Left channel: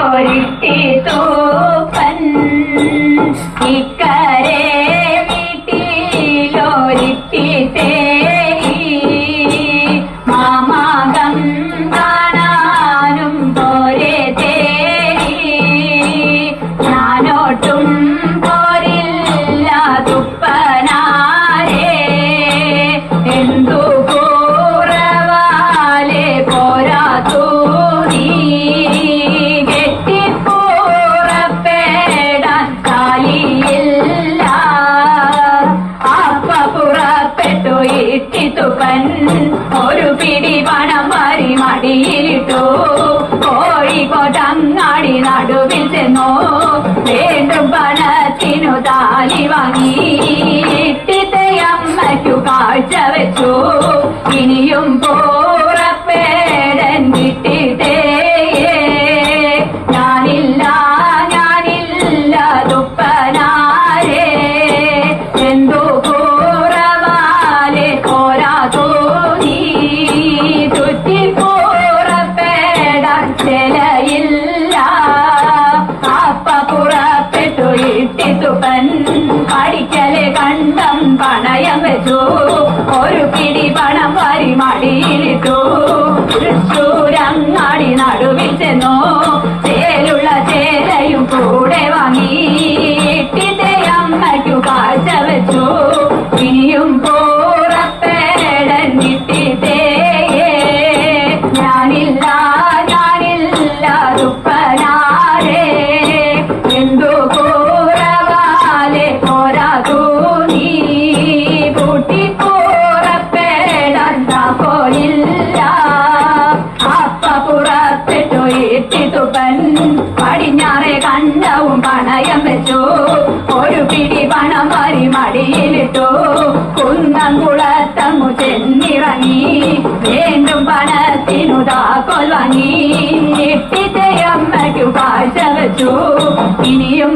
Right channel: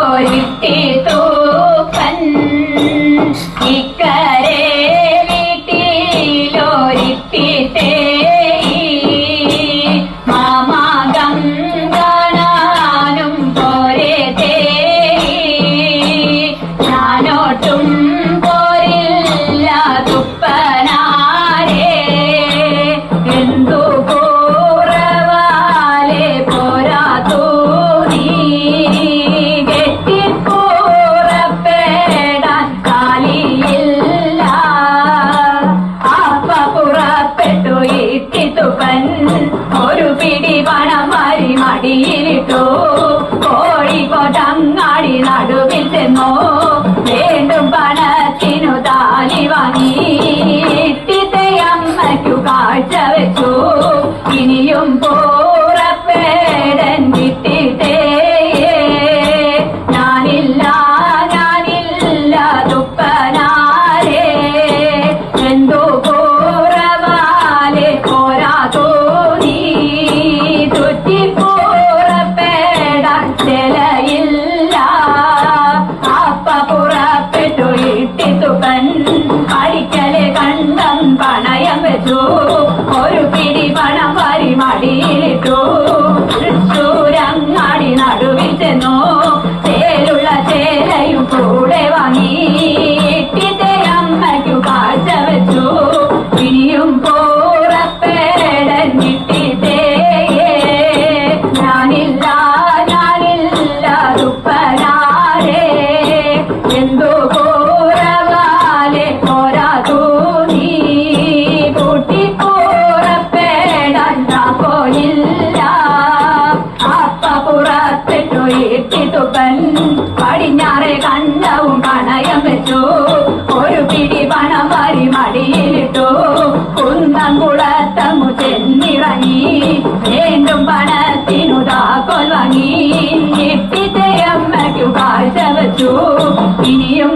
വീട്ടിലോരിട്ടിത്തൂപ്പൻ ഇക്കരെ വീട്ടിലോരിട്ടിട്ടേ മാമാകം കാണാനും പോരെ തേരി ഞാനോട്ടും പോരില്ല തുപ്പനാരേ എന്തു കൂറവാലെ പോരാതൂ നീ കെട്ടിപ്പുറപ്പെടാൻ കാലിയില്ല അപ്പ പുറപ്പെട്ടു ഇട്ടിത്തുപ്പൻ ഒരു പിടി പണം വാരി മടിയിലിട്ടു കോഴിക്കോട്ടങ്ങാടി നടുവിൽ ചെന്നു വീണ്ടും പണത്തിനു താലി വാങ്ങി ഇട്ടിത്തയമ്മയ്ക്കു കാഴ്ച വെച്ചു ഇനിയും പുറപ്പെടൻ ഇട്ടിത്തേ ഞാനില്ല തുപ്പനാരേ എന്തു കൂറവാലെ പോരാതോ നീ ചുറ്റിപ്പുറപ്പെടാൻ ചിലയില്ല അപ്പ പുറപ്പെട്ടു ഇട്ടിത്തുപ്പൻ പഠിക്കലെ കണ്ടം പണയം വെച്ചു ഒരു പിടി പണം വാരി മടിയിലിട്ടു തൃശ്ശൂരങ്ങാടി നടുവിൽ ചെന്നു ചേലുള്ള ചേലയും കൂടെ വാങ്ങി ഇട്ടിന്റെ അമ്മയ്ക്കു കാഴ്ച വെച്ചു ഇനിയും പുറപ്പെടൻ ഇട്ടിട്ടേ ഞാനില്ല തുപ്പനാരേ എന്തു കൂറവാലെ പോരാതൂ നീ പൂട്ടിപ്പുറപ്പെടാൻ താക്കോലില്ല അപ്പ പുറപ്പെട്ടു ഇട്ടിത്തുപ്പൻ പടിഞ്ഞാറെ കണ്ടവും പണയം വെച്ചു ഒരു പിടി പണം വാരി മടിയിലിട്ടു കുന്നംകുളത്തങ്ങു ചെന്നിറങ്ങി വീണ്ടും പണത്തിനു താക്കോൽ വാങ്ങി ഇട്ടിത്തെ അമ്മയ്ക്കു കാഴ്ച വെച്ചു ഇനിയും